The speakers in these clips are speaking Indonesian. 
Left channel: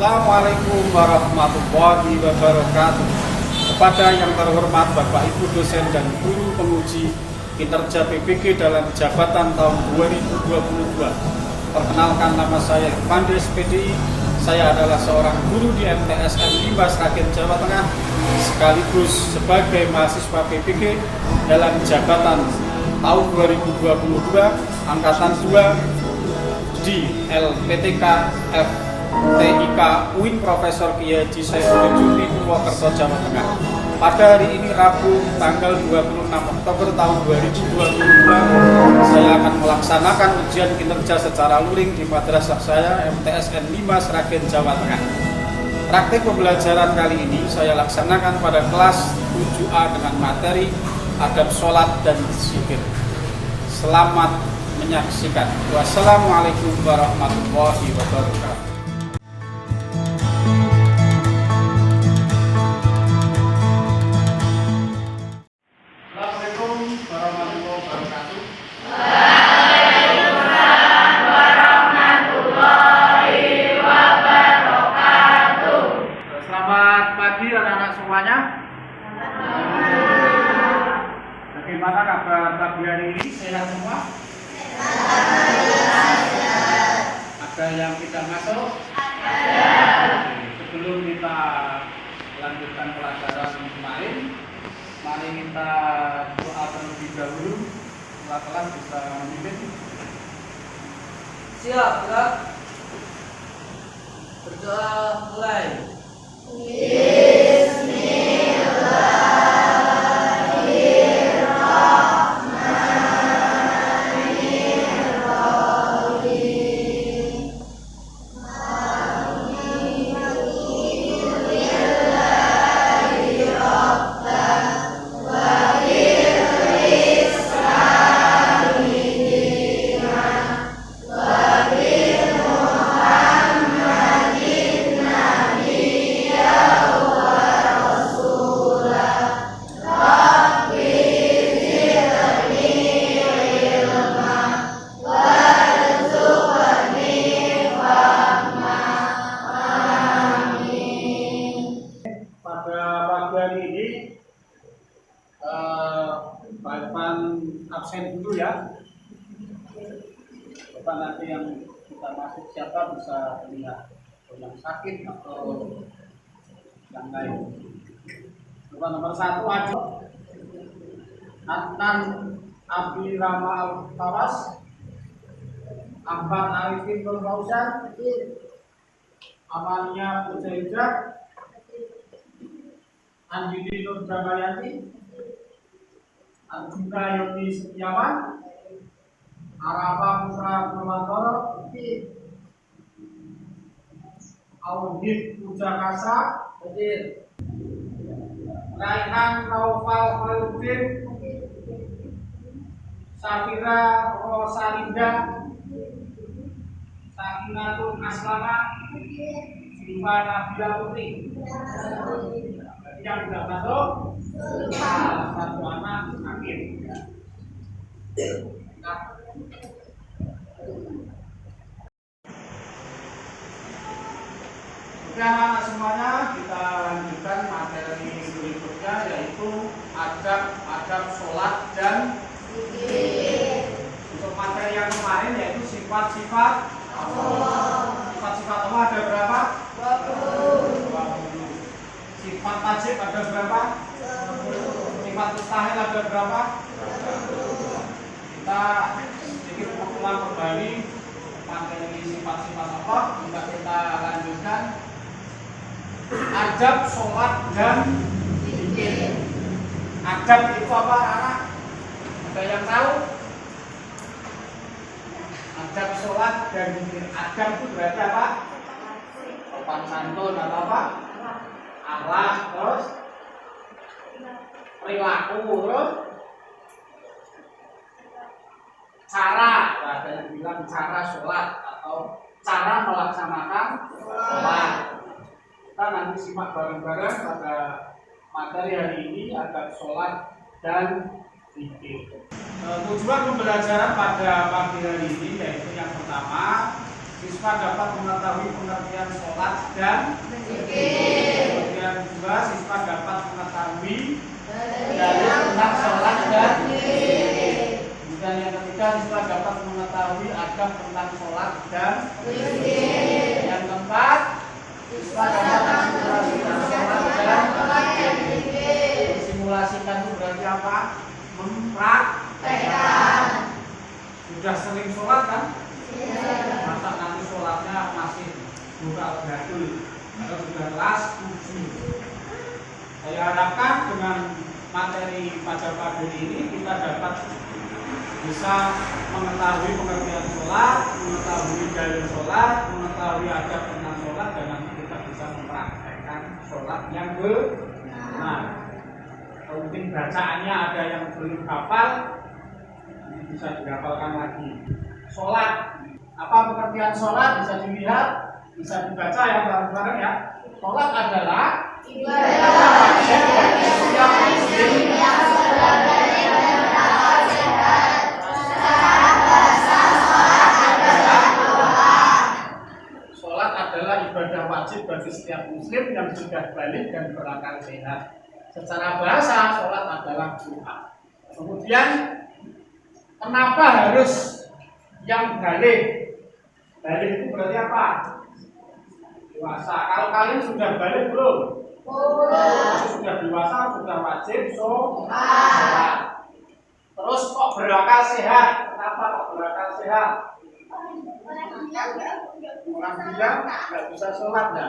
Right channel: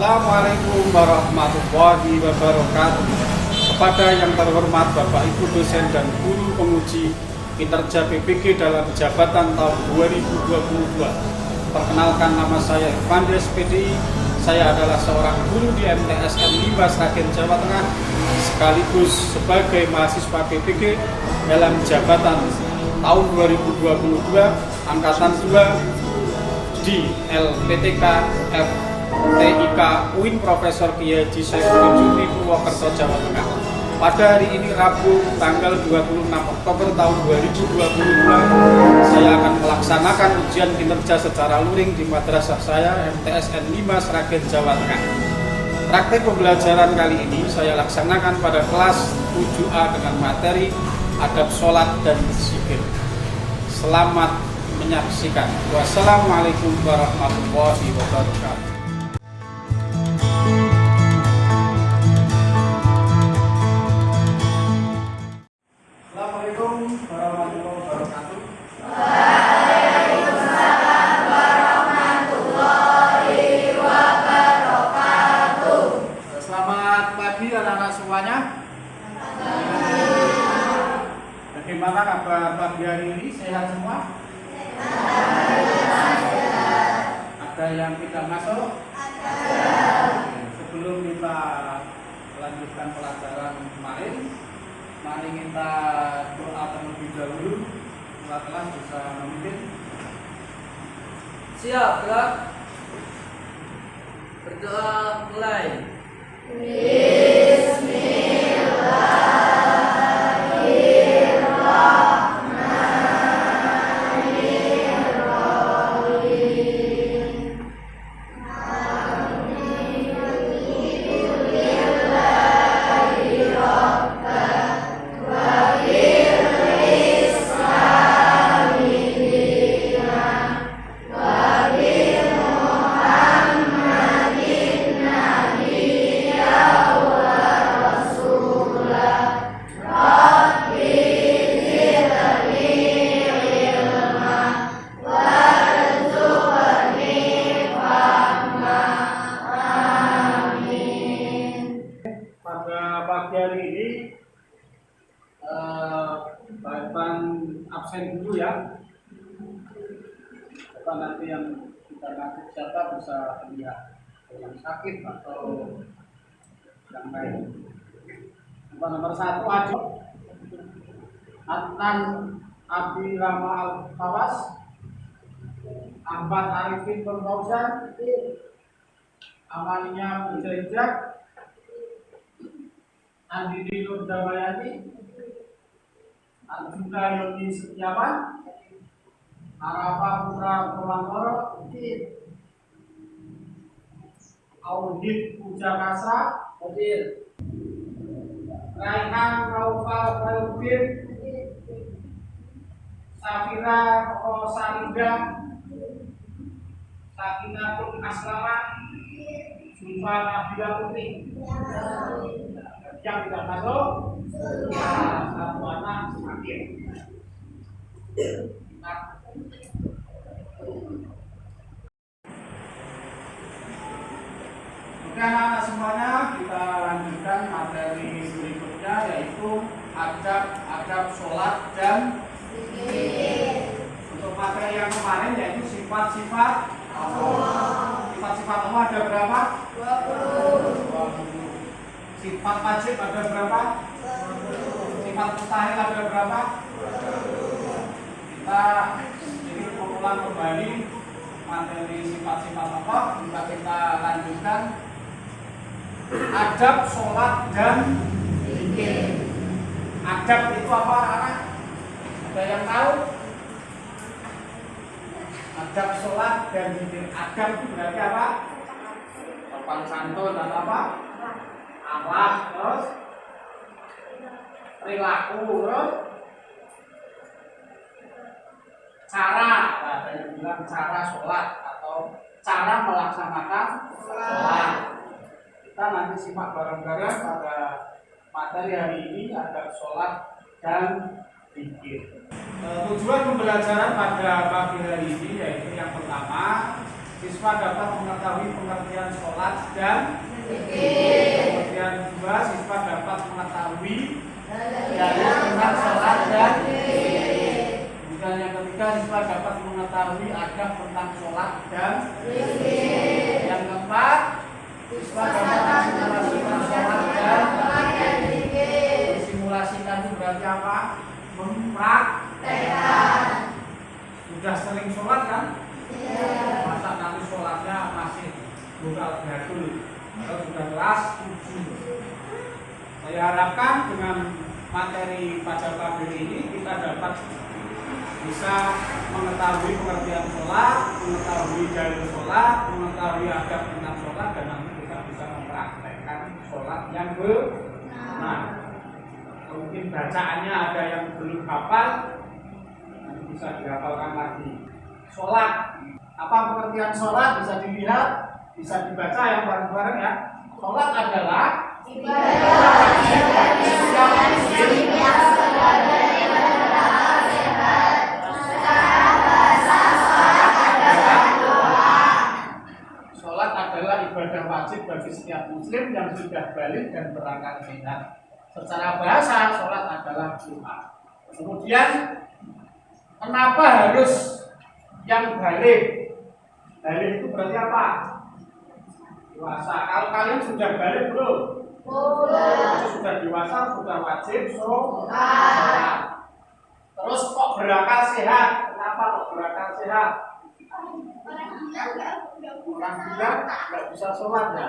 Assalamualaikum warahmatullahi wabarakatuh. Kepada yang terhormat Bapak Ibu dosen dan guru penguji kinerja PPG dalam jabatan tahun 2022. Perkenalkan, nama saya Irfandes PDI. Saya adalah seorang guru di MTSN 5 Sragen, Jawa Tengah, sekaligus sebagai mahasiswa PPG dalam jabatan tahun 2022 angkatan 2 di LPTK FTIK UIN Profesor Kiai Haji Saifuddin Jufri, Purwokerto, Jawa Tengah. Pada hari ini Rabu tanggal 26 Oktober tahun 2022, saya akan melaksanakan ujian kinerja secara luring di madrasah saya MTSN 5 Sragen, Jawa Tengah. Praktik pembelajaran kali ini saya laksanakan pada kelas 7A dengan materi adab sholat dan berzikir. Selamat menyaksikan. Wassalamualaikum warahmatullahi wabarakatuh. Assalamualaikum warahmatullahi wabarakatuh. Waalaikumsalam warahmatullahi wabarakatuh. Selamat pagi anak-anak semuanya. Bagaimana kabar pagi hari ini? Sehat semua? Ada yang tidak masuk? Sebelum kita lanjutkan pelajaran kemarin, mari kita doa terlebih dahulu. Telah bisa memimpin. Siap, gerak. Berdoa mulai. Hari ini bahan absen dulu ya. Bapak nanti yang kita masuk siapa bisa lihat, atau yang sakit atau yang lain. Bapak nomor 1 Adi Adnan Abi Rama Al-Tawas, Ahmad Arifin Bermausan, Amalia Pujaijak, Andini Nur Damayati, Arjuna Yoni Setiawan, Arafa Putra Permantoro, Auhid Pujakasa, Raihan Naufal Khairuddin, Safira Rosalinda, Sakinatul Aslama, Zulfa Nabila Putri. Yang tidak masuk, satu anak sakit. Oke anak-anak semuanya, kita lanjutkan materi berikutnya, yaitu adab sholat dan zikir. Untuk materi yang kemarin yaitu sifat-sifat Allah. Sifat-sifat Allah ada berapa? 20. Sifat wajib ada berapa? 20. Sifat mustahil ada berapa? 20. Kita sedikit mengulang kembali materi sifat-sifat Allah. Kita lanjutkan adab sholat dan zikir. Adab itu apa anak? Ada yang tahu? Adab sholat dan zikir. Adab itu berarti apa? Sopan santun atau apa? Akhlak, terus perilaku, terus cara. Ada yang bilang cara sholat atau cara melaksanakan sholat. Kita nanti simak bareng-bareng pada materi hari ini, adab sholat dan zikir. Tujuan pembelajaran pada pagi hari ini yaitu yang pertama, Siswa dapat mengetahui pengertian sholat dan kemudian 2, siswa dapat mengetahui dalil tentang sholat dan kemudian yang ketiga, siswa dapat mengetahui adab tentang sholat dan yang keempat, siswa dapat mensimulasikan sholat dan mensimulasikan itu berarti apa? Mempraktekkan. Sudah sering sholat kan? Masa nanti sholatnya masih buka beratul atau sudah kelas 7. Saya harapkan dengan materi pada pagi ini kita dapat bisa mengetahui pengertian sholat, mengetahui dalil sholat, mengetahui adab tentang sholat, dan nanti kita bisa mempraktekkan sholat yang benar. Mungkin bacaannya ada yang belum hafal, nanti bisa dihafalkan lagi. Sholat, apa pengertian sholat? Bisa dilihat, bisa dibaca ya bareng-bareng ya. Sholat adalah ibadah wajib bagi setiap muslim. Sholat adalah ibadah wajib bagi setiap muslim yang sudah balik dan berakal sehat. Secara bahasa, sholat adalah doa. Kemudian, kenapa harus yang balik? Balik itu berarti apa? Dewasa. Kalau kalian sudah balik belum? Sudah dewasa, sudah wajib sholat. Terus kok berakal sehat? Kenapa kok berakal sehat? Orang bilang nggak bisa sholat ya,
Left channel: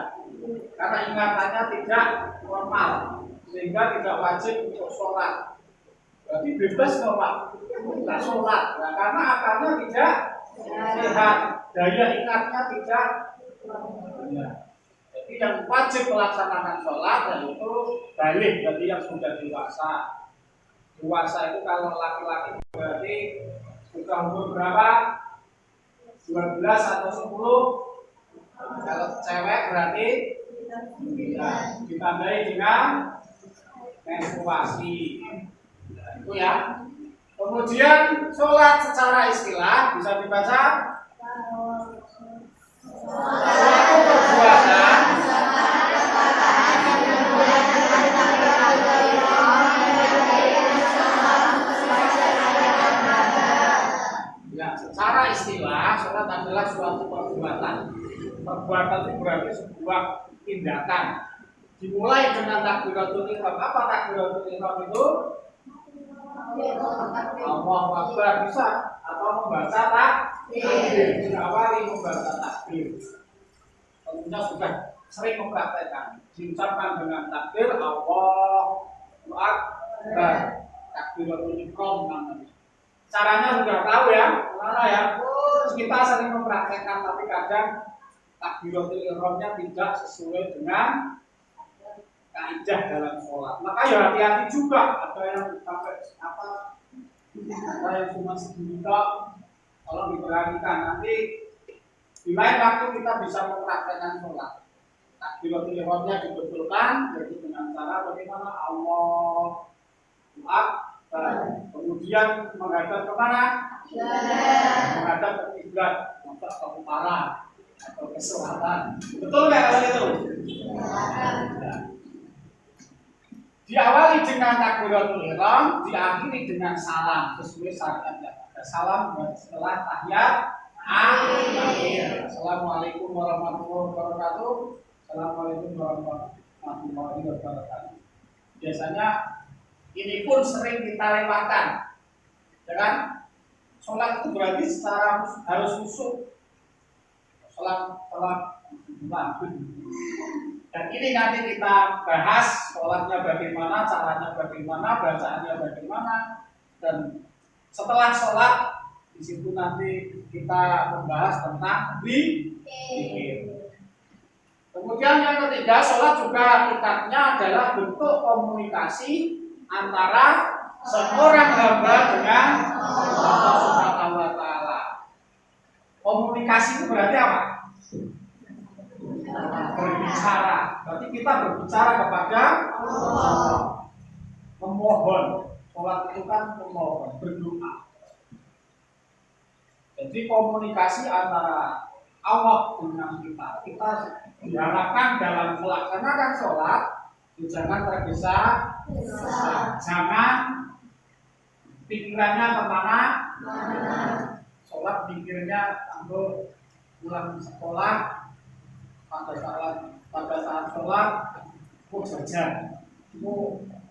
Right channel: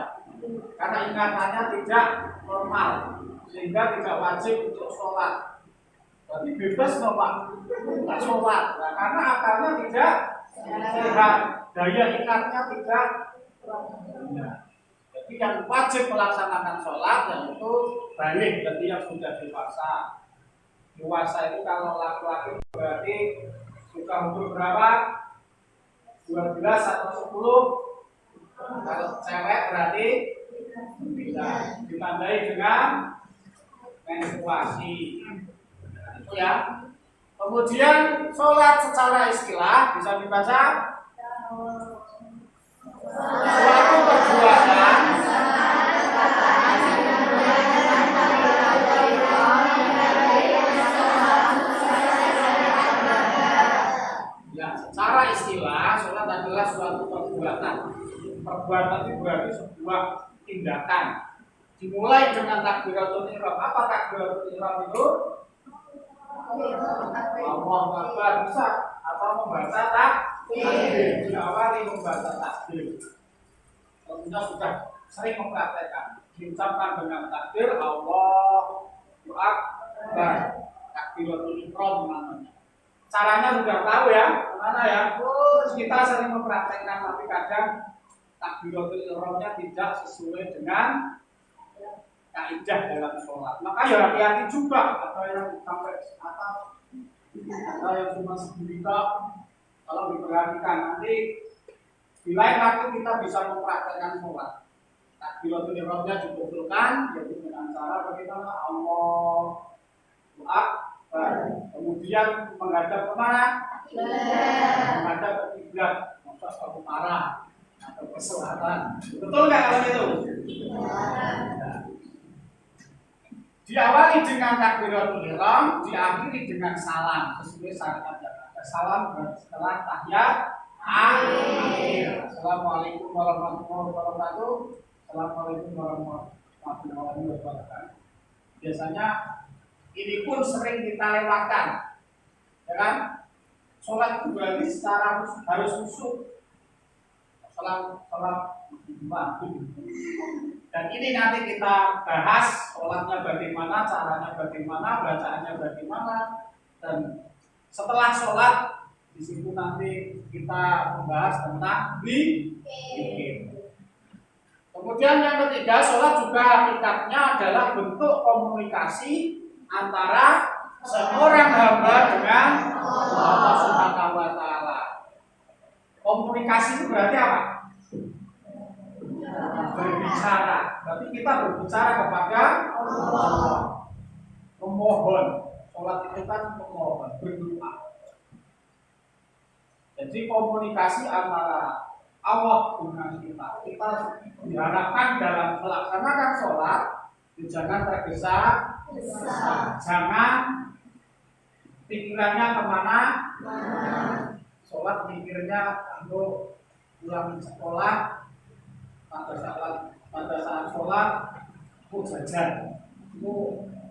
karena ingatannya tidak normal, sehingga tidak wajib untuk sholat. Berarti bebas dong Pak, nggak sholat. Nah, karena akalnya tidak sehat, daya ingatnya tidak. Ya. Jadi yang wajib melaksanakan sholat yaitu balik, berarti yang sudah dewasa. Dewasa itu kalau laki-laki berarti sudah umur berapa? 12 atau 10. Kalau cewek berarti ditandai dengan menstruasi. Nah, itu ya. Kemudian sholat secara istilah bisa dibaca suatu perbuatan ya, secara istilah sholat adalah suatu perbuatan. Perbuatan itu berarti sebuah tindakan. Dimulai dengan takbiratul ihram. Apa takbiratul ihram itu? Allahu Akbar bisa atau membaca takbir. Diawali membaca takbir. Tentunya sudah sering mempraktekkan. Diucapkan dengan takbir Allahu Akbar. Takbiratul ihram namanya. Caranya sudah tahu ya, mana ya? Kita sering mempraktekkan, tapi kadang takbiratul ihramnya tidak sesuai dengan kaidah dalam sholat. Maka ya hati-hati juga. Ada yang sampai apa? Ada yang cuma segini kalau diperhatikan nanti di lain waktu kita bisa mempraktekkan sholat. Takbiratul ihramnya dibetulkan, jadi dengan cara bagaimana Allahu Akbar. Kemudian menghadap kemana? Menghadap ke kiblat, masa ke utara atau ke selatan. Betul nggak kalau itu? Diawali dengan takbiratul ihram, diakhiri dengan salam sesuai syariat yang ada. Salam setelah tahiyat akhir. Assalamualaikum warahmatullahi wabarakatuh. Assalamualaikum warahmatullahi wabarakatuh. Biasanya ini pun sering kita lewatkan, ya kan? Sholat itu berarti secara harus khusyuk. Sholat. Dan ini nanti kita bahas sholatnya bagaimana, caranya bagaimana, bacaannya bagaimana, dan setelah sholat di situ nanti kita membahas tentang zikir. Kemudian yang ketiga, sholat juga hakikatnya adalah bentuk komunikasi antara seorang hamba dengan Allah Subhanahu wa Ta'ala. Komunikasi itu berarti apa? Berbicara. Berarti kita berbicara kepada Allah. Memohon. Sholat itu kan memohon, berdoa. Jadi komunikasi antara Allah dengan kita. Kita diharapkan dalam melaksanakan sholat jangan tergesa-gesa, jangan pikirannya kemana. Sholat pikirnya untuk pulang sekolah, pada saat sholat mau jajan, itu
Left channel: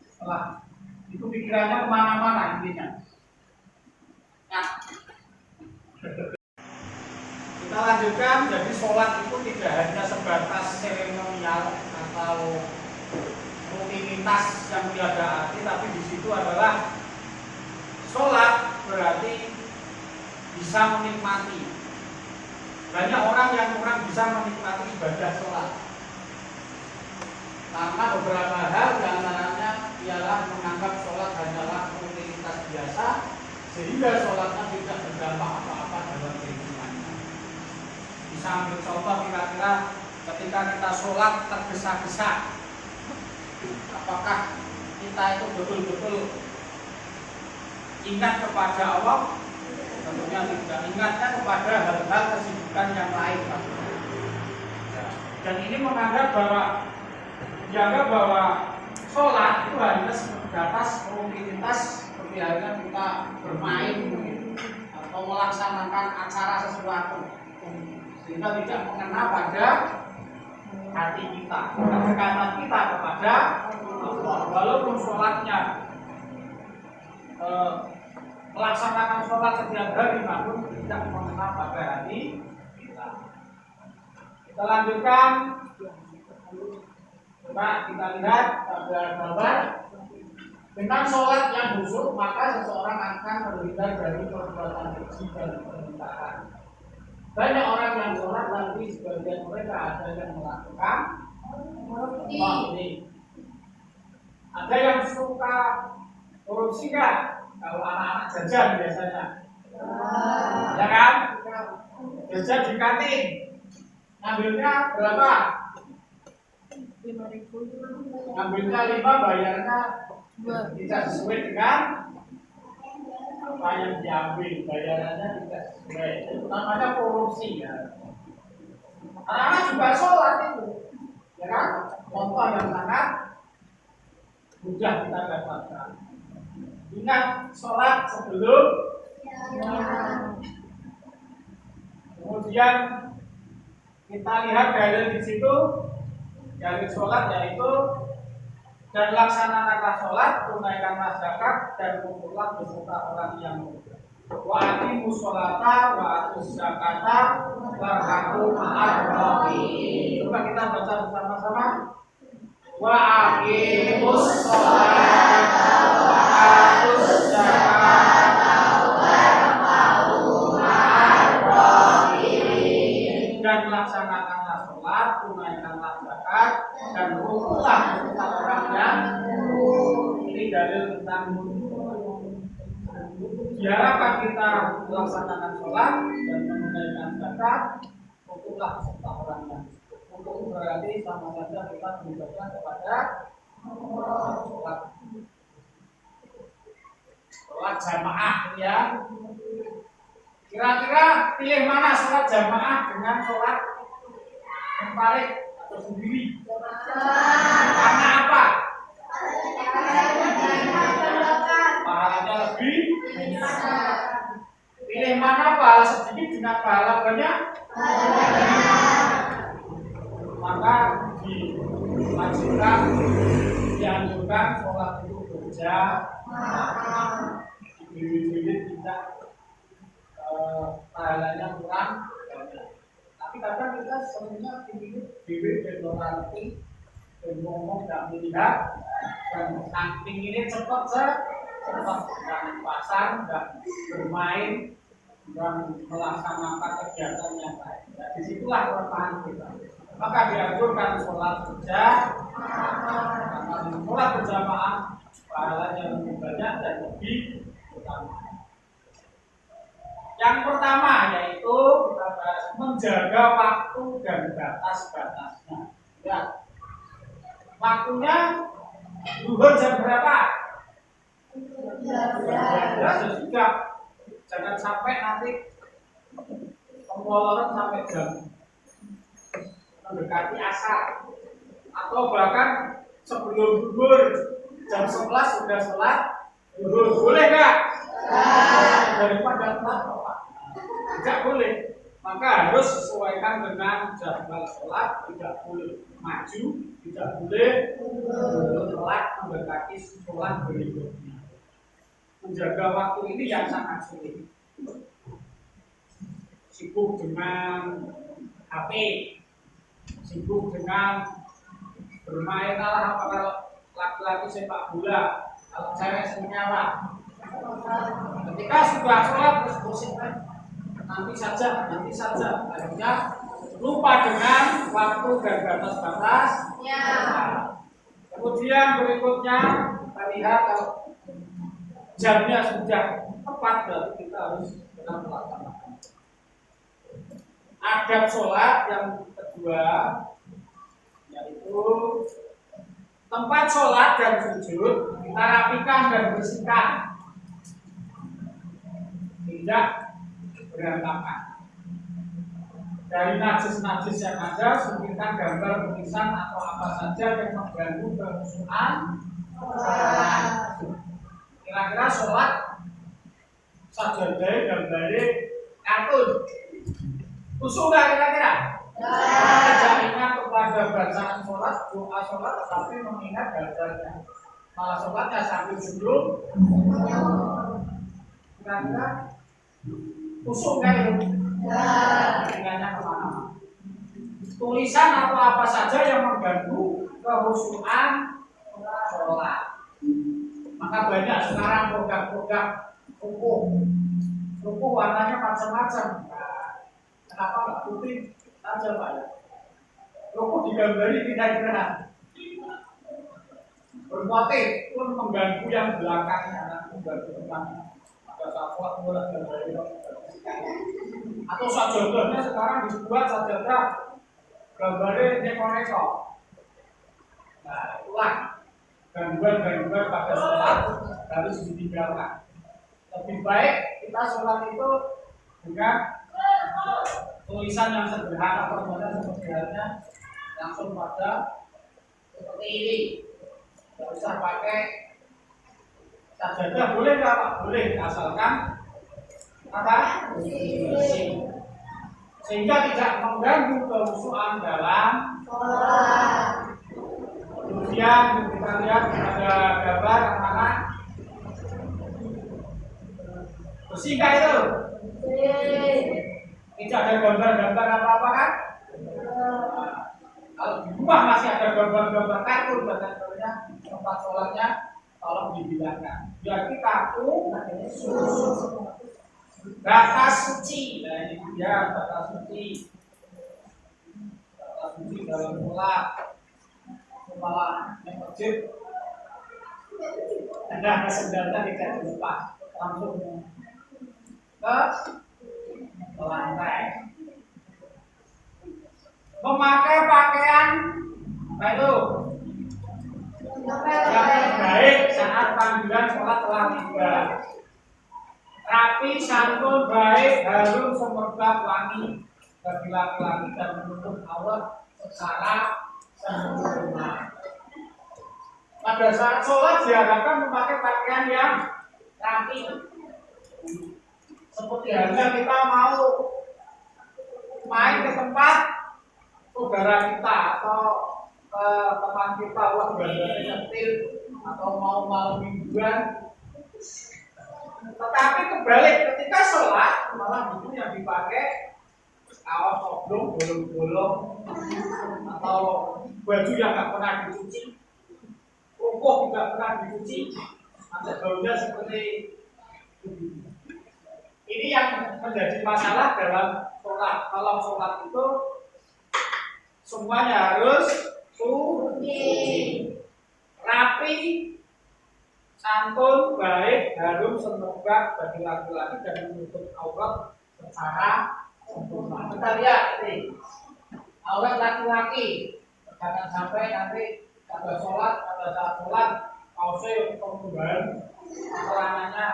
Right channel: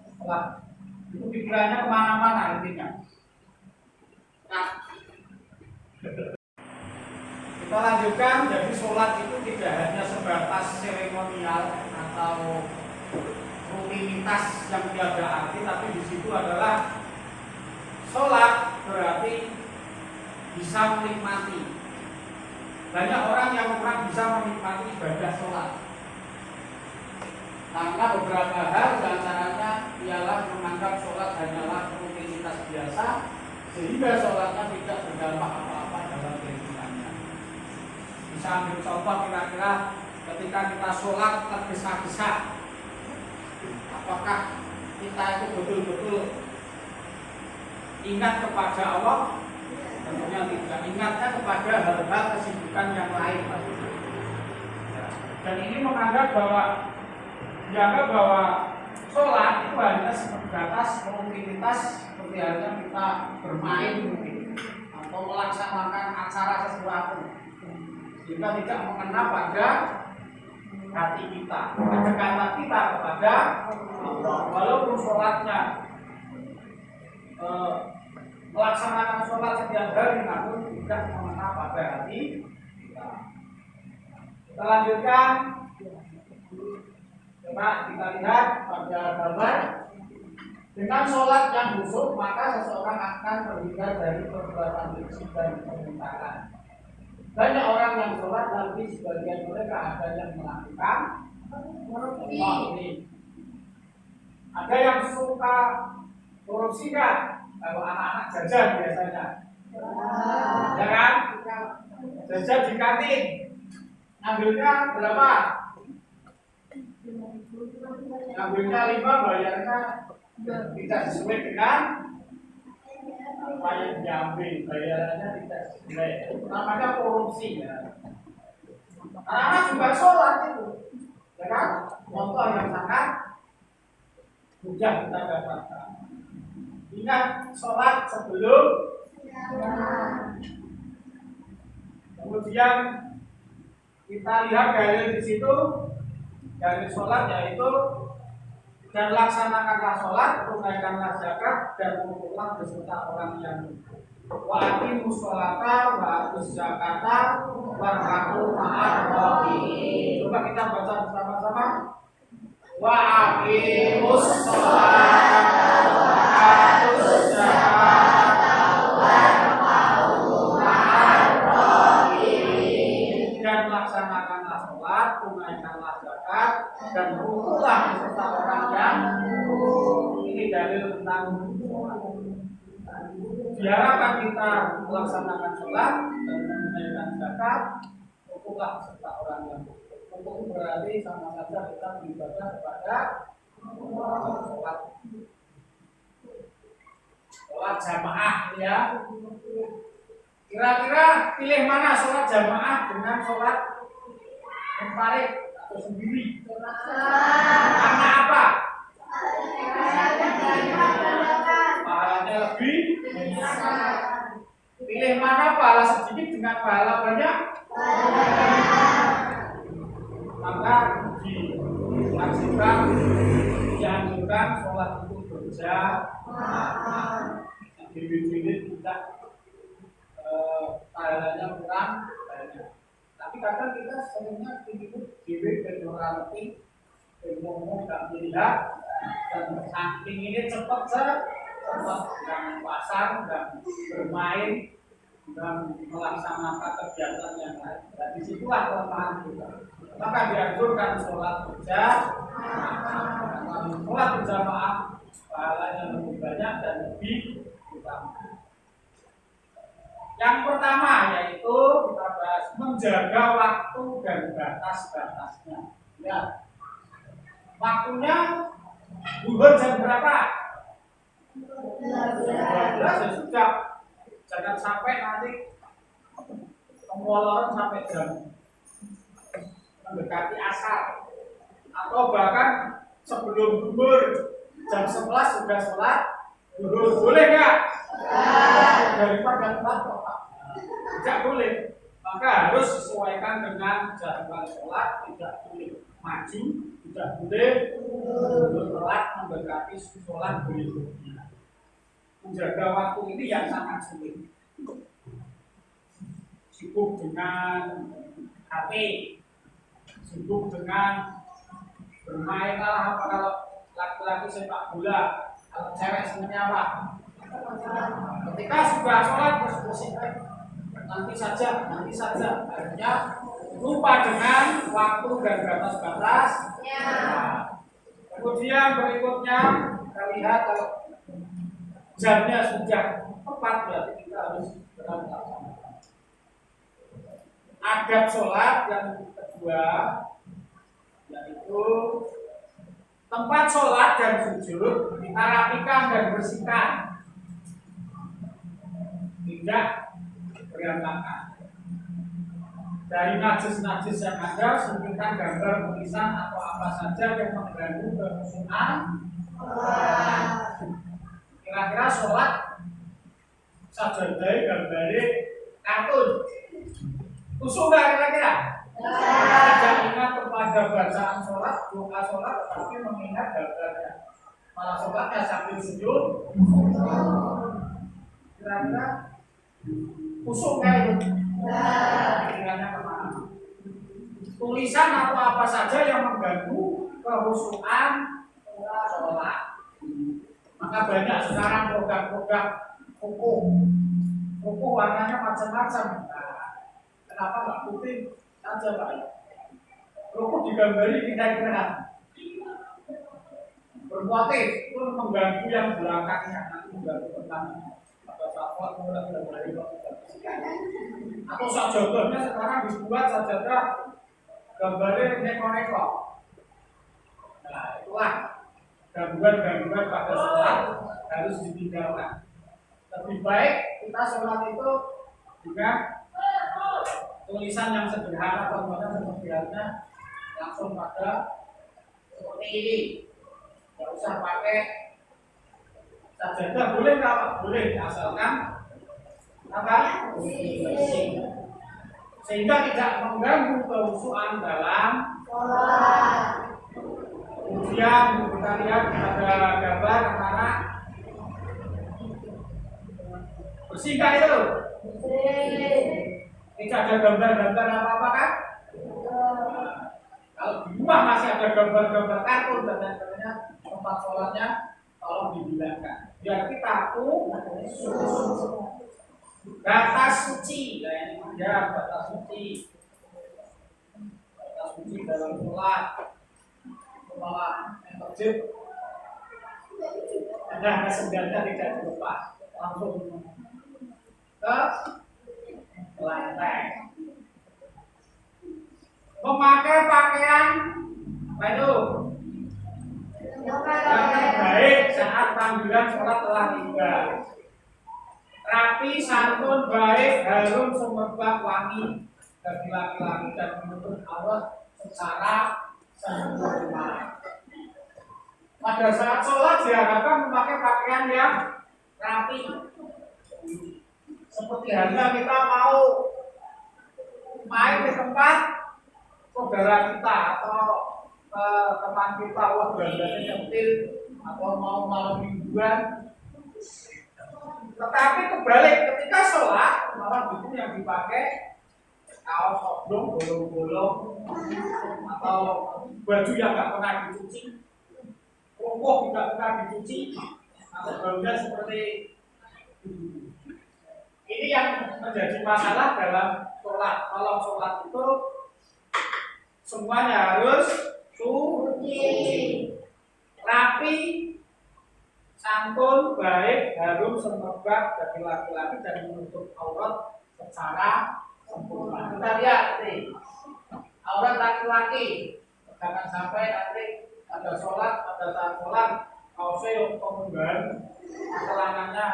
setelah itu pikirannya kemana-mana intinya. Nah, kita lanjutkan. Jadi sholat itu tidak hanya sebatas seremonial atau rutinitas yang tiada arti, tapi di situ adalah sholat berarti bisa menikmati. Banyak orang yang kurang bisa menikmati ibadah sholat karena beberapa hal, diantaranya ialah menganggap sholat hanyalah rutinitas biasa, sehingga sholatnya tidak berdampak apa-apa dalam kehidupannya. Bisa ambil contoh kira-kira ketika kita sholat tergesa-gesa, apakah kita itu betul-betul ingat kepada Allah? Tentunya tidak. Ingatnya kepada hal-hal kesibukan yang lain. Dan ini dianggap bahwa sholat itu hanya sebatas rutinitas, seperti halnya kita bermain mungkin atau melaksanakan acara sesuatu, sehingga tidak mengena pada hati kita, kedekatan kita kepada Allah. Walaupun sholatnya melaksanakan sholat setiap hari, namun tidak mengena pada hati kita. Kita lanjutkan. Coba kita lihat pada gambar. Dengan sholat yang khusyuk, maka seseorang akan terhindar dari perbuatan keji dan permintaan. Banyak orang yang sholat, nanti sebagian mereka ada yang melakukan ini. Ada yang suka korupsi kan? Kalau anak-anak jajan biasanya, ya kan? Jajan di kantin, ngambilnya berapa? Ngambilnya 5, bayarnya tidak sesuai dengan apa yang diambil, bayarannya tidak sesuai. Itu namanya korupsi ya. Anak-anak juga sholat itu, ya kan? Contoh yang sangat mudah kita dapatkan. Ingat sholat sebelum. Kemudian kita lihat dalil di situ, dalil sholat yaitu, dan laksanakanlah sholat, tunaikanlah zakat, dan kumpullah beserta orang yang wa aqimus sholata wa atuz zakata warka'u ma'ar raki'in. Coba kita baca bersama-sama. Wa aqimus sholata wa atuz zakata warka'u ma'ar raki'in. Dan laksanakanlah sholat, tunaikanlah zakat, dan kumpullah beserta orang yang. Ini dalil tentang sholat. Diharapkan kita melaksanakan sholat dan menunaikan zakat, kumpullah beserta orang yang. Untuk berarti sama saja kita beribadah kepada sholat jamaah ya. Kira-kira pilih mana sholat jamaah dengan sholat munfarid atau sendiri? Karena apa? Pahalanya lebih. Pilih mana pahala sedikit dengan pahala banyak? Maka diwajibkan, dianjurkan sholat itu berjamaah. Diri-diri tidak pahalanya kurang banyak. Tapi kadang kita seringnya ingin diri dan berarti dan ngomong tidak melihat, dan saking ini cepat dan pasar dan bermain dan melaksanakan kegiatan yang lain. Dan disitulah kelemahan kita. Maka dianjurkan sholat berjamaah. Karena sholat berjamaah pahalanya lebih banyak dan lebih utama. Yang pertama yaitu kita bahas menjaga waktu dan batas-batasnya. Lihat, waktunya zuhur jam berapa? 12 ya sudah. Jangan sampai nanti kemoloran sampai jam mendekati asar, atau bahkan sebelum zuhur jam 11 sudah sholat zuhur, boleh nggak? Daripada telat Pak, tidak boleh. Maka harus sesuaikan dengan jadwal sholat, tidak boleh maju, tidak boleh telat mendekati sholat berikutnya. Menjaga waktu ini yang sangat sulit. Sibuk dengan HP, sibuk dengan bermain lah, apa kalau laki-laki sepak bola, kalau cewek semuanya apa? Ketika sudah sholat terus pusing, nanti saja, akhirnya lupa dengan waktu dan batas-batas. Nah, kemudian berikutnya kita lihat kalau jamnya sudah tepat, berarti kita harus benar melaksanakan. Adab sholat yang kedua yaitu tempat sholat dan sujud kita rapikan dan bersihkan, tidak berantakan. Dari najis-najis yang ada, singkirkan gambar, tulisan atau apa saja yang mengganggu kehusuan sholat. Kira-kira sholat sajadah gambare kartun, khusyuk nggak kira-kira? Tidak ingat kepada bacaan sholat, doa sholat, tetapi mengingat gambarnya. Malah sholatnya sambil senyum. Kira-kira khusyuk nggak itu? Ingatnya kemana-mana. Tulisan atau apa saja yang mengganggu kehusuan sholat. Maka banyak sekarang produk-produk ruku warnanya macam-macam. Nah, kenapa nggak putih saja Pak? Ruku digambari kira-kira bermotif pun mengganggu yang belakangnya, nanti mengganggu tentang ada safat mulai gambari atau sajadah sekarang dibuat sajadah gambarnya neko-neko. Nah, itulah gangguan-gangguan pada sholat harus ditinggalkan. Lebih baik kita sholat itu dengan tulisan yang sederhana, contohnya seperti halnya langsung pada seperti ini. Tidak usah pakai sajadah, boleh nggak Pak? Boleh, asalkan apa? Bersih. Sehingga tidak mengganggu kehusuan dalam sholat. Kemudian kita lihat ada gambar anak-anak bersih nggak itu? Tidak ada gambar-gambar apa-apa kan? Kalau di rumah masih ada gambar-gambar kartun dan lain-lainnya, tempat sholatnya tolong dihilangkan. Biar kita tahu batas suci. Nah ini dia batas suci. Batas suci dalam sholat. Malah yang masjid ada sendalnya tidak dilepas, langsung ke lantai. Memakai pakaian apa itu? Pakaian baik saat panggilan sholat telah tiba. Rapi, santun, baik, harum, semerbak, wangi bagi laki-laki dan menutup aurat secara sempurna. Pada saat sholat diharapkan memakai pakaian yang rapi. Seperti halnya kita mau main ke tempat saudara kita atau teman kita, wah gambarnya cantik, atau mau malam mingguan. Tetapi kebalik, ketika sholat malah itu yang dipakai kaos oblong, bolong-bolong, atau baju yang nggak pernah dicuci, rukuh tidak pernah dicuci, atau baunya seperti ini yang menjadi masalah dalam sholat. Kalau sholat itu semuanya harus suci, rapi, santun, baik, harum, semerbak bagi laki-laki dan menutup aurat secara sempurna. Kita lihat ini aurat laki-laki, jangan sampai nanti ada sholat, pada saat sholat kaosnya pemunggahan, celananya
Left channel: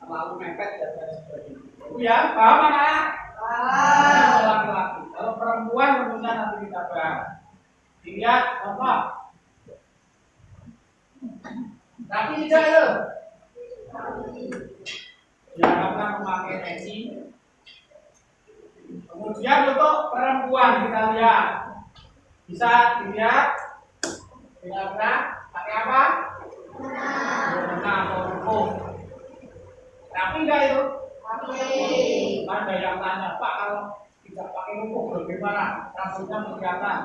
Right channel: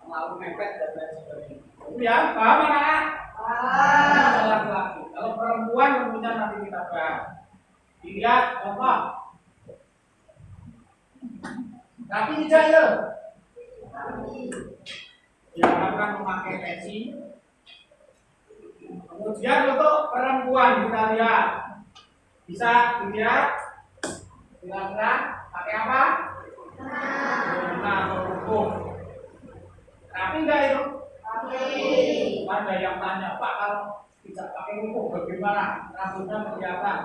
terlalu mepet dan lain sebagainya. Ya, paham anak? Kalau laki-laki. Kalau perempuan tentunya nanti kita bahas. Dilihat contoh. Tapi tidak ya. Diharapkan memakai peci. Kemudian untuk perempuan kita lihat. Bisa dilihat. Kira-kira pakai apa? Benang atau buku. Rapi enggak itu? Ada yang tanya, Pak, kalau tidak pakai buku bagaimana? Rambutnya kelihatan.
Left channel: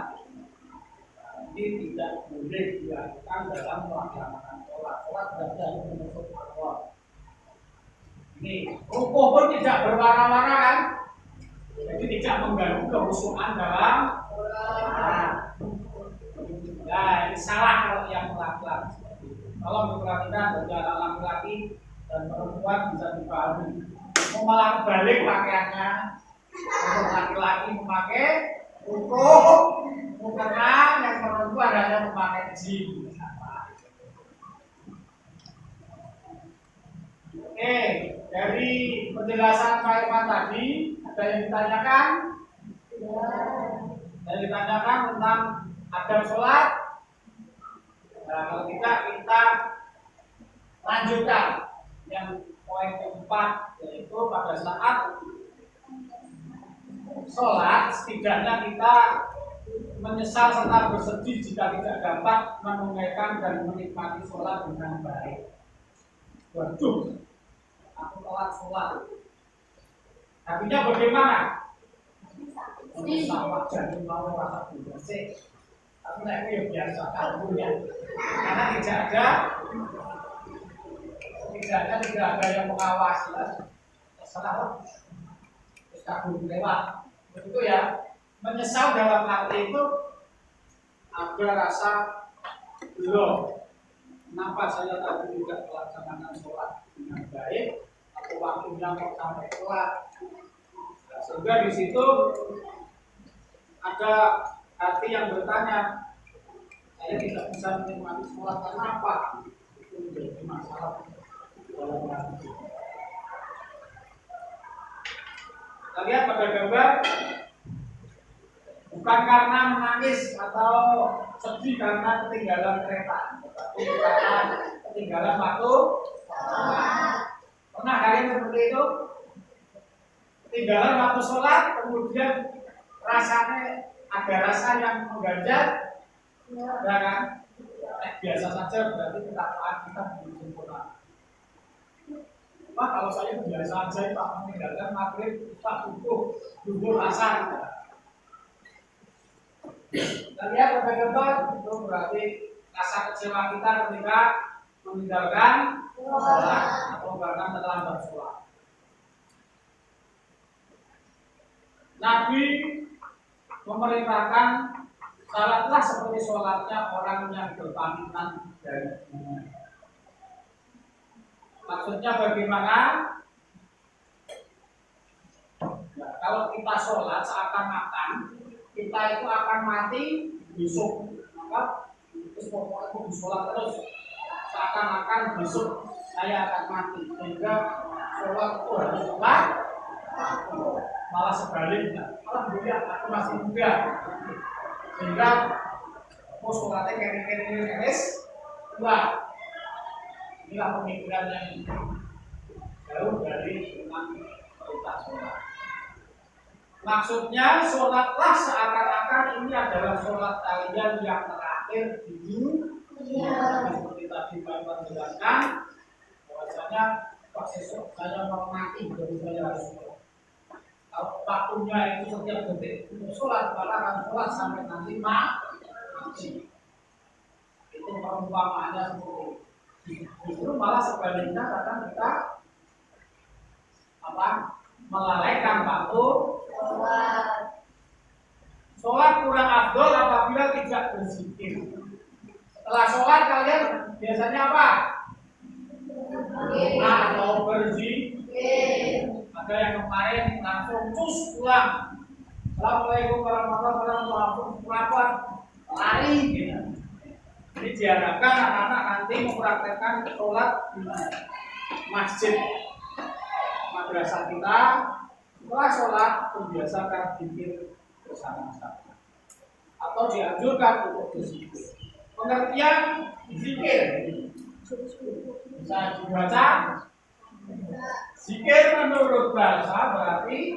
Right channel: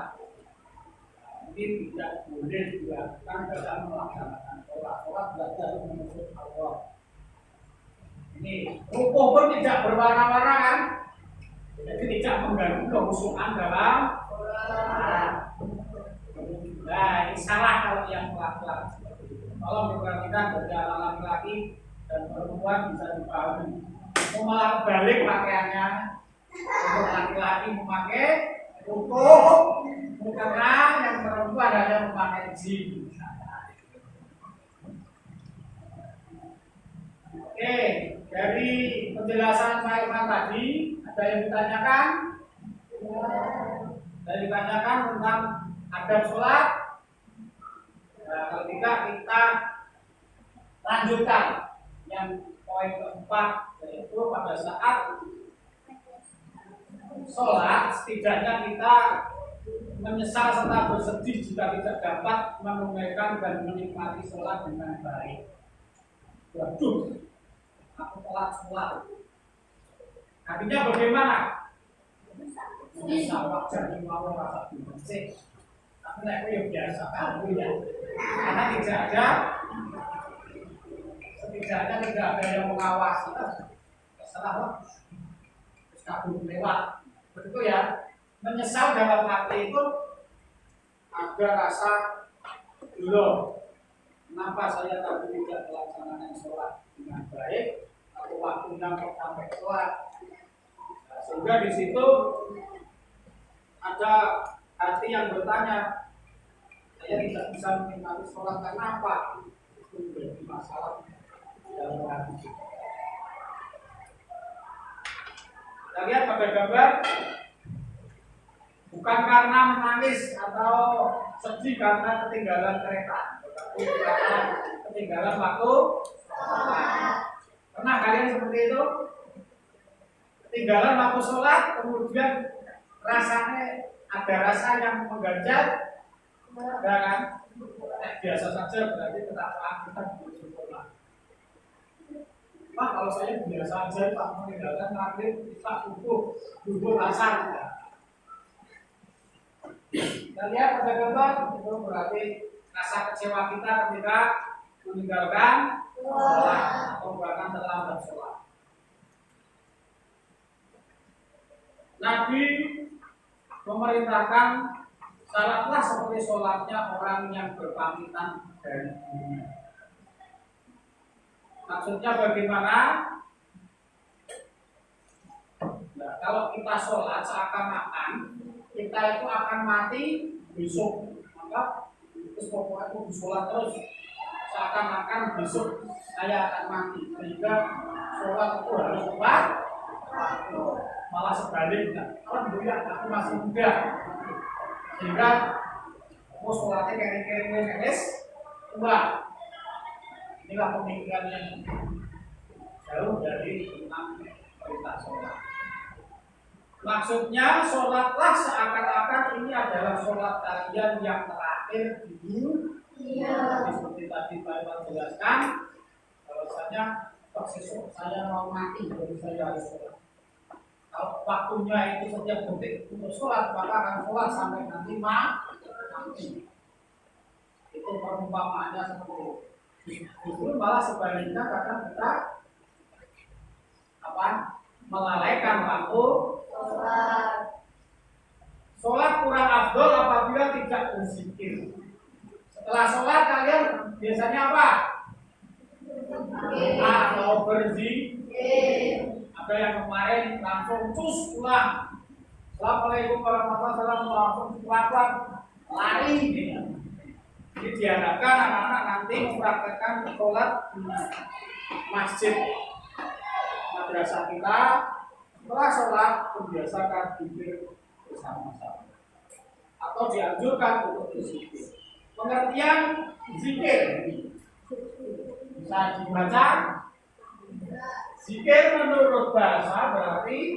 Ini tidak boleh dilakukan dalam melaksanakan sholat. Sholat belajar menutup aurat. Ini rukuh pun tidak berwarna-warna kan? Jadi tidak mengganggu kehusuan dalam sholat. Nah, ini salah kalau yang laki-laki seperti itu. Tolong diperhatikan bagi anak laki-laki dan perempuan bisa dipahami. Mau malah kebalik pakaiannya. Untuk laki-laki memakai rukuh, mukena, yang perempuan hanya memakai jin. Oke, dari penjelasan Pak Iman tadi ada yang ditanyakan? Ada yang ditanyakan tentang adab sholat. Nah, kalau tidak kita lanjutkan yang poin keempat, yaitu pada saat sholat setidaknya kita menyesal serta bersedih jika tidak dapat menunaikan dan menikmati sholat dengan baik. Waduh, aku telat sholat. Artinya bagaimana? Menyesal wajar mau rasa bersih. Tapi aku yang biasa kamu ya. Karena setidaknya tidak ada yang mengawasi. Salah, terus kabur lewat. Begitu ya. Menyesal dalam arti itu ada rasa belum. Kenapa saya tadi tidak melaksanakan sholat dengan baik atau waktunya kok sampai telat? Nah, sehingga di situ ada hati yang bertanya, saya tidak bisa menikmati sholat karena apa? Itu menjadi masalah dalam hati. Kita lihat pada gambar, bukan karena menangis atau sedih karena ketinggalan kereta, tetapi karena ketinggalan waktu sholat. Pernah kalian seperti itu? Ketinggalan waktu sholat, kemudian rasanya ada rasa yang mengganjal, ya kan? Biasa saja berarti ketakwaan kita belum sempurna. Pak, kalau saya biasa saja Pak meninggalkan maghrib, Pak subuh, duhur, asar. Kita lihat pada gambar itu berarti rasa kecewa kita ketika meninggalkan sholat atau bahkan terlambat sholat. Nabi memerintahkan salatlah seperti sholatnya orang yang berpamitan dari dunia. Maksudnya bagaimana? Nah, kalau kita sholat seakan-akan kita itu akan mati besok, maka terus pokoknya aku sholat terus seakan-akan besok saya akan mati, sehingga sholat itu harus tepat. Malah sebaliknya, alhamdulillah aku masih muda, sehingga mau sholatnya kering-kering tua. Inilah pemikiran yang jauh dari tentang perintah sholat. Maksudnya sholatlah seakan-akan ini adalah sholat kalian yang terakhir di dunia. Seperti tadi Pak Iwan jelaskan, bahwasanya besok saya mau mati, jadi saya harus sholat. Kalau waktunya itu setiap detik untuk sholat, maka akan sholat sampai nanti mati. Itu perumpamaannya seperti itu. Justru malah sebaliknya kadang kita melalaikan waktu sholat kurang afdol apabila tidak berzikir. Setelah sholat kalian biasanya apa? Atau berzikir. Ada yang kemarin langsung cus pulang. Assalamualaikum warahmatullahi wabarakatuh, langsung pulang lari gitu. Jadi diharapkan anak-anak nanti mempraktekkan sholat di masjid madrasah kita Setelah sholat, membiasakan zikir bersama-sama atau dianjurkan untuk berzikir. Pengertian zikir bisa dibaca. Zikir menurut bahasa berarti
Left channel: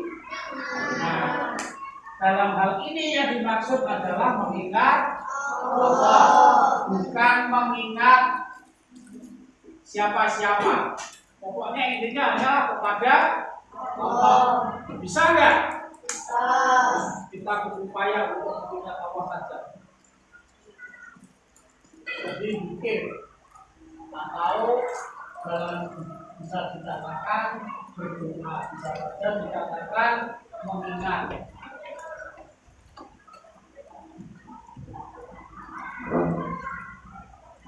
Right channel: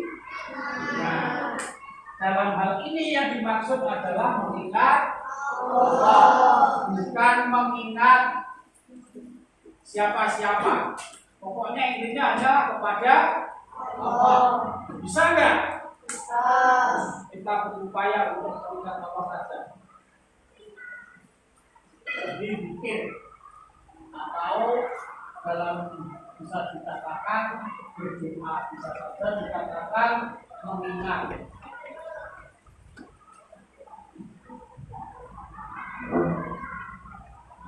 dalam hal ini yang dimaksud adalah mengingat Allah, bukan mengingat siapa-siapa. Pokoknya intinya adalah kepada Allah. Bisa nggak? Kita berupaya untuk mengingat Allah saja. Jadi zikir atau dalam bisa dikatakan berdoa, bisa saja dikatakan mengingat.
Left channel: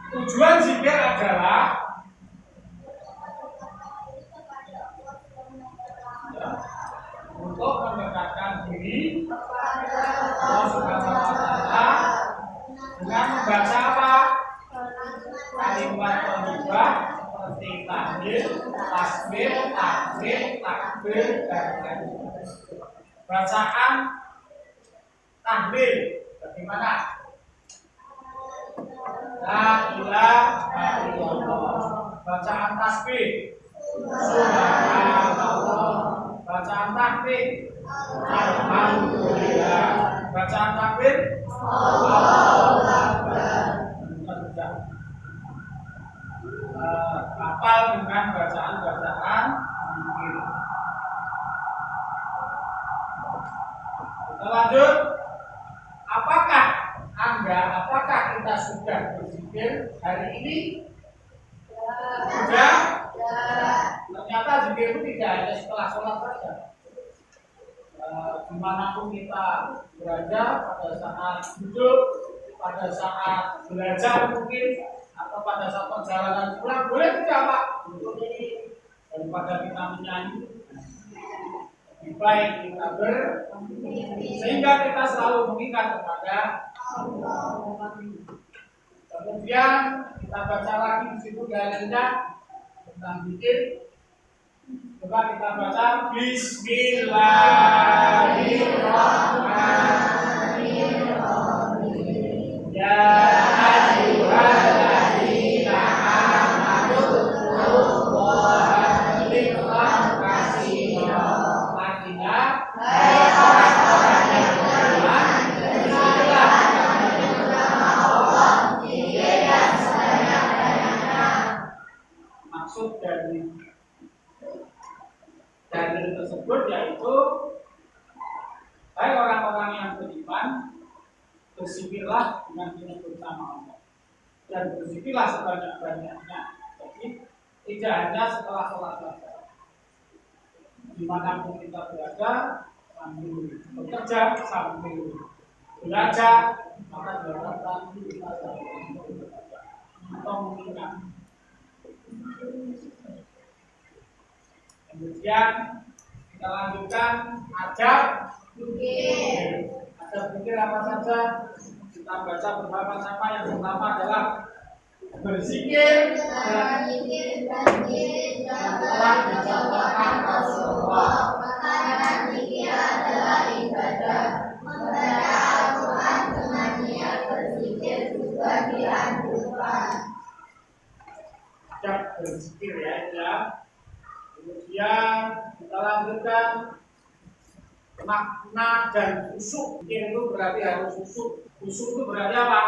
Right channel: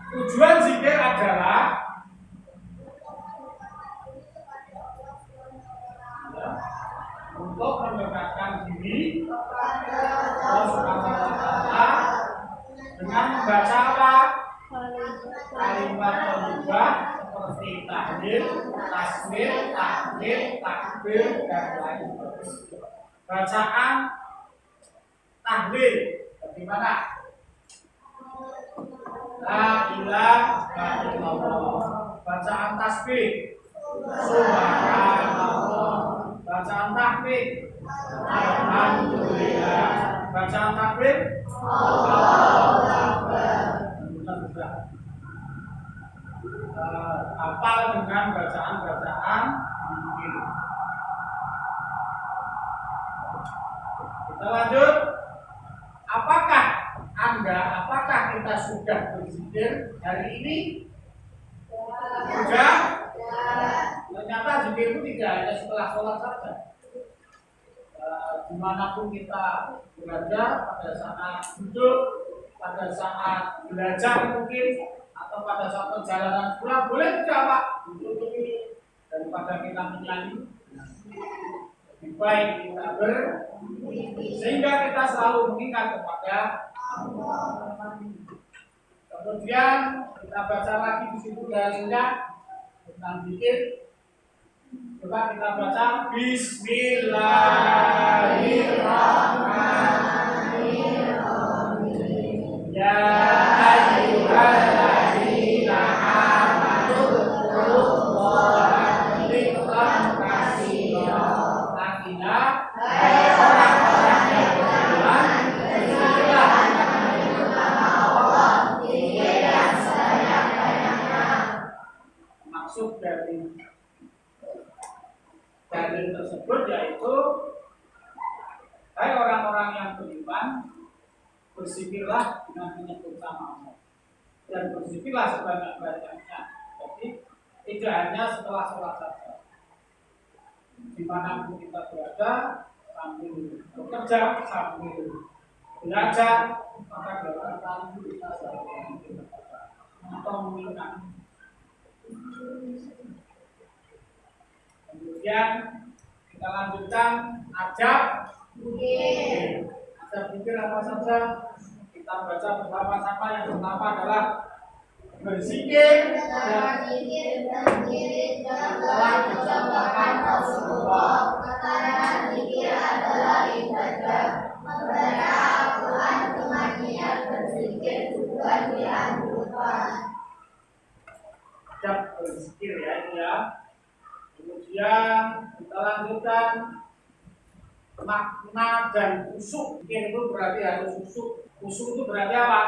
Tujuan zikir adalah untuk mendekatkan diri Allah Subhanahu wa Ta'ala dengan membaca apa? Kalimat thayyibah seperti tahlil, tasbih, tahmid, takbir dan lain sebagainya. Bacaan tahlil bagaimana? La ilaha illallah. Bacaan tasbih subhanallah. Bacaan takbir alhamdulillah. Bacaan takbir Allahu Akbar. Sudah hafal dengan bacaan-bacaan zikir. Kita lanjut. Apakah kita sudah berzikir hari ini? Sudah? Ternyata zikir itu tidak hanya setelah sholat saja. Dimanapun kita berada, pada saat duduk, pada saat belajar mungkin, atau pada saat perjalanan pulang, boleh tidak Pak? Daripada kita menyanyi, lebih baik kita sehingga kita selalu mengingat kepada Allah. Kemudian kita baca lagi di situ dalilnya tentang zikir. Coba kita baca Bismillahirrahmanirrahim. Ya ayyuhalladzina amanu dzkurullaha dzikran katsira. Artinya, hai orang-orang yang beriman, berzikirlah nama Allah zikir yang sebanyak-banyaknya. Maksud dari dalil tersebut yaitu, hai orang-orang yang beriman, berzikirlah dengan menyebut nama Allah dan berzikirlah sebanyak-banyaknya. Jadi tidak hanya setelah sholat saja. Dimanapun kita berada, sambil bekerja, sambil belajar, maka diharapkan kita selalu untuk mengingat. Kemudian kita lanjutkan adab zikir. Adab zikir apa saja? Kita baca bersama-sama. Yang pertama adalah berzikir dan yang telah dicontohkan Rasulullah. Karena zikir adalah ibadah. Membaca Al-Quran dengan niat berzikir juga dianjurkan. Adab berzikir ya. Kemudian kita lanjutkan makna dan khusyuk. Zikir itu berarti harus khusyuk. Khusyuk itu berarti apa?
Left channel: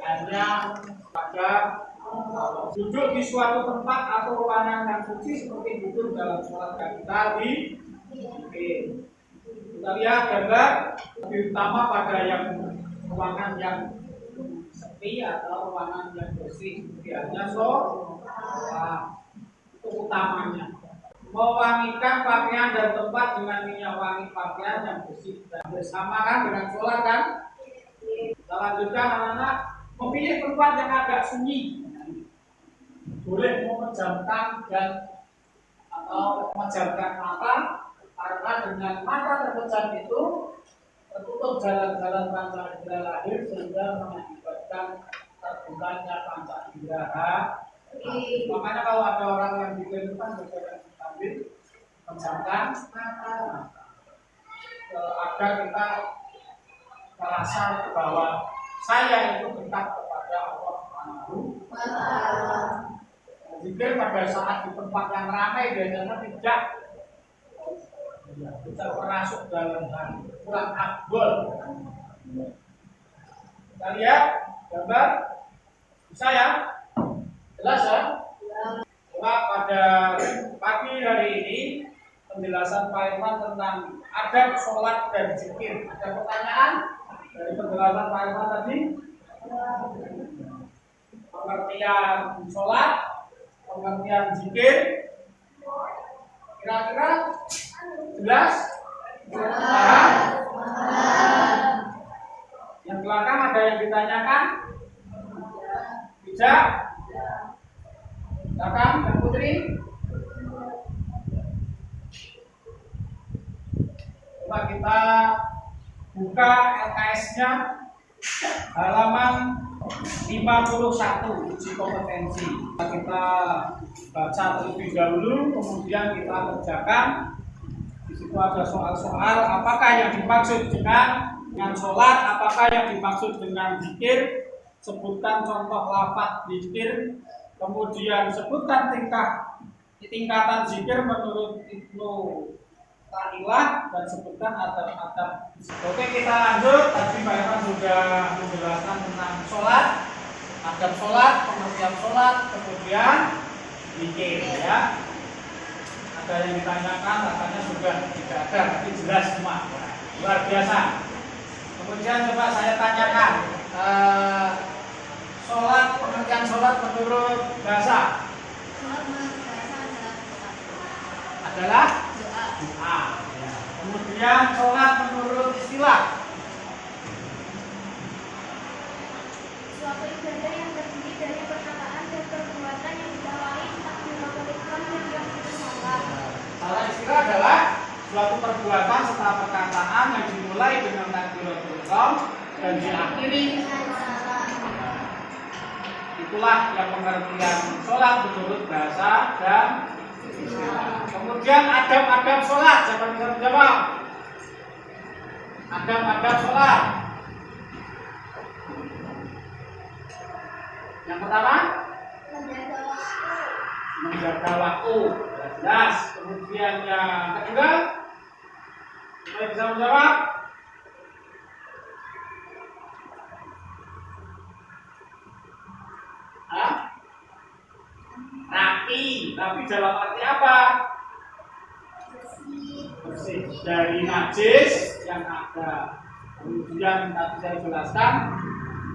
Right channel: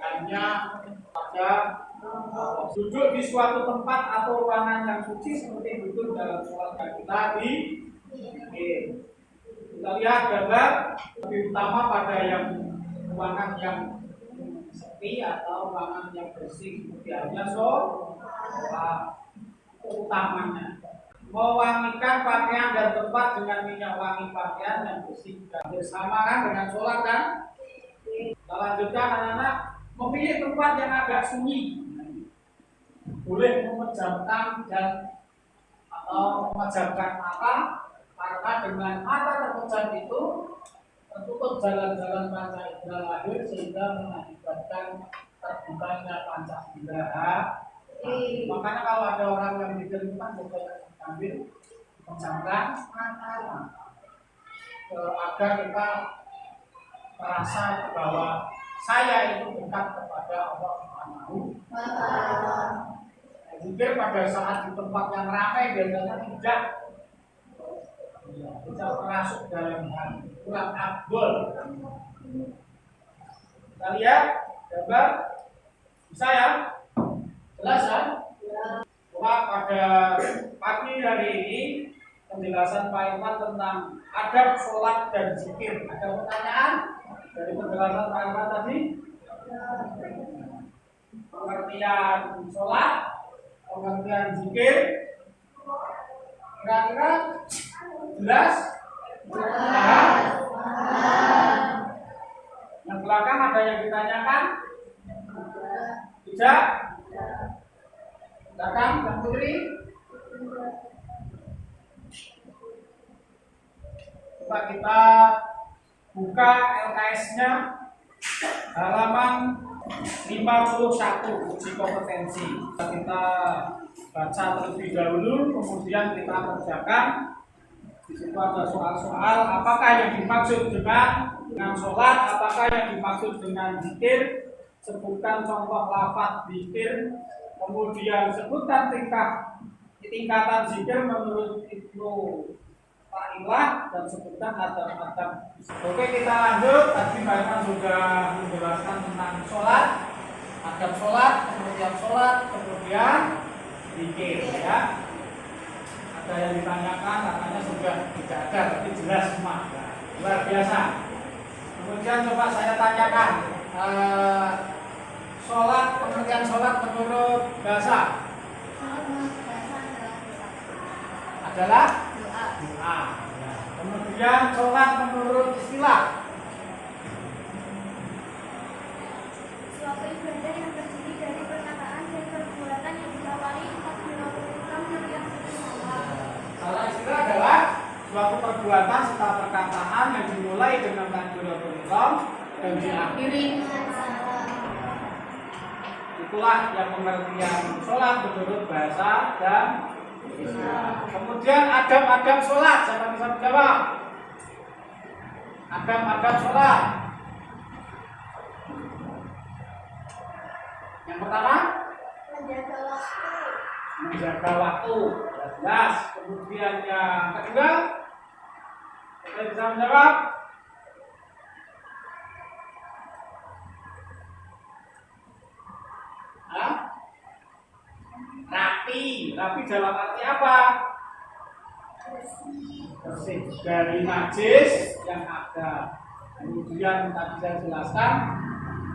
Hanya pada duduk di suatu tempat atau ruangan yang suci seperti duduk dalam sholat kita di zikir. Kita lihat gambar lebih utama pada yang ruangan yang sepi atau ruangan yang bersih seperti halnya sholat. Itu utamanya. Mewangikan pakaian dan tempat dengan minyak wangi pakaian yang bersih dan bersama kan dengan sholat kan. Kita lanjutkan anak-anak, memilih tempat yang agak sunyi. Boleh memejamkan atau memejamkan mata, karena dengan mata terpejam itu tertutup jalan-jalan panca indera lahir sehingga mengakibatkan terbukanya panca indera. Makanya kalau ada orang yang bikin kan sambil Pejamkan mata. Agar kita merasa bahwa saya itu dekat kepada Allah Subhanahu wa Ta'ala. Zikir pada saat di tempat yang ramai biasanya tidak termasuk dalam hal kurang afdol. Kita lihat gambar, bisa ya? Jelas ya? Pada pagi hari ini penjelasan Pak Irfan tentang adab sholat dan zikir. Ada pertanyaan dari penjelasan Pak Irfan tadi? Pengertian sholat, pengertian zikir, kira-kira jelas? Paham? Yang belakang ada yang ditanyakan? Tidak? Belakang, Mbak Putri? Coba kita buka LKS-nya halaman 51 uji kompetensi. Kita baca terlebih dahulu, kemudian kita kerjakan. Di situ ada soal-soal apakah yang dimaksud dengan sholat, apakah yang dimaksud dengan zikir. Sebutkan contoh lafaz zikir, kemudian sebutkan tingkatan zikir menurut Ibnu Ta'ilah, dan sebutkan adab-adab. Oke, kita lanjut. Tadi Pak Irfan sudah menjelaskan tentang sholat, adab sholat, pengertian sholat, kemudian zikir ya. Ada yang ditanyakan, katanya sudah tidak ada, tapi jelas semua. Luar biasa. Kemudian coba saya tanyakan, sholat, pengertian sholat menurut bahasa adalah doa. Ya. Kemudian sholat menurut istilah Suatu ibadah yang terdiri dari perkataan dan perbuatan yang diawali takbiratul ihram dan yang sholat. Salah istilah adalah suatu perbuatan serta perkataan yang dimulai dengan takbiratul ihram dan diakhiri. Itulah yang pengertian sholat menurut bahasa dan istilah. Kemudian adab-adab sholat, siapa bisa menjawab? Adab-adab sholat. Yang pertama, menjaga waktu. Jelas. Kemudian yang kedua, siapa bisa menjawab? Rapi dalam arti apa? Bersih dari najis yang ada. Kemudian tadi saya jelaskan,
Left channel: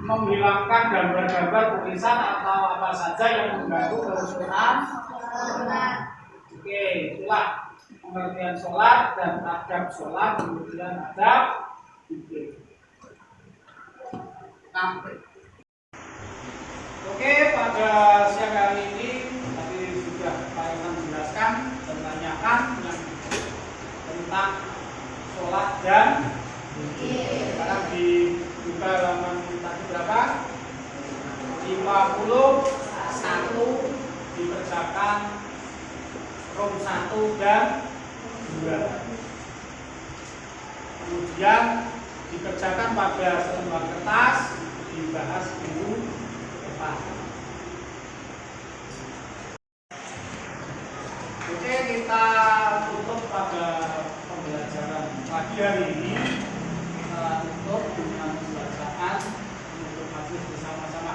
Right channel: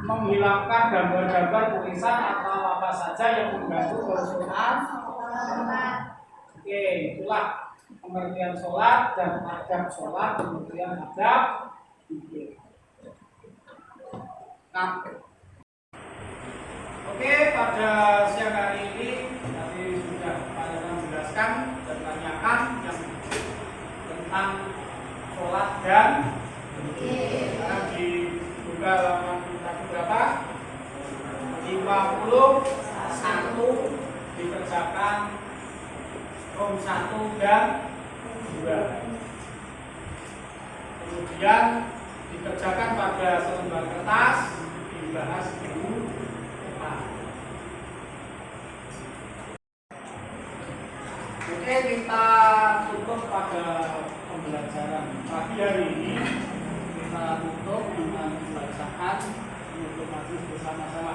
menghilangkan gambar-gambar tulisan atau apa saja yang mengganggu kerukunan. Oke, itulah pengertian sholat dan adab sholat, kemudian adab zikir. Oke, pada siang hari ini tadi sudah Pak Irfan menjelaskan dan menanyakan yang tentang sholat dan zikir. Sekarang dibuka halaman tadi berapa? 51 dikerjakan row 1 dan 2. Kemudian dikerjakan pada selembar kertas, dibahas dulu. Oke, kita tutup pada pembelajaran pagi hari ini. Kita tutup dengan bacaan untuk majelis bersama-sama.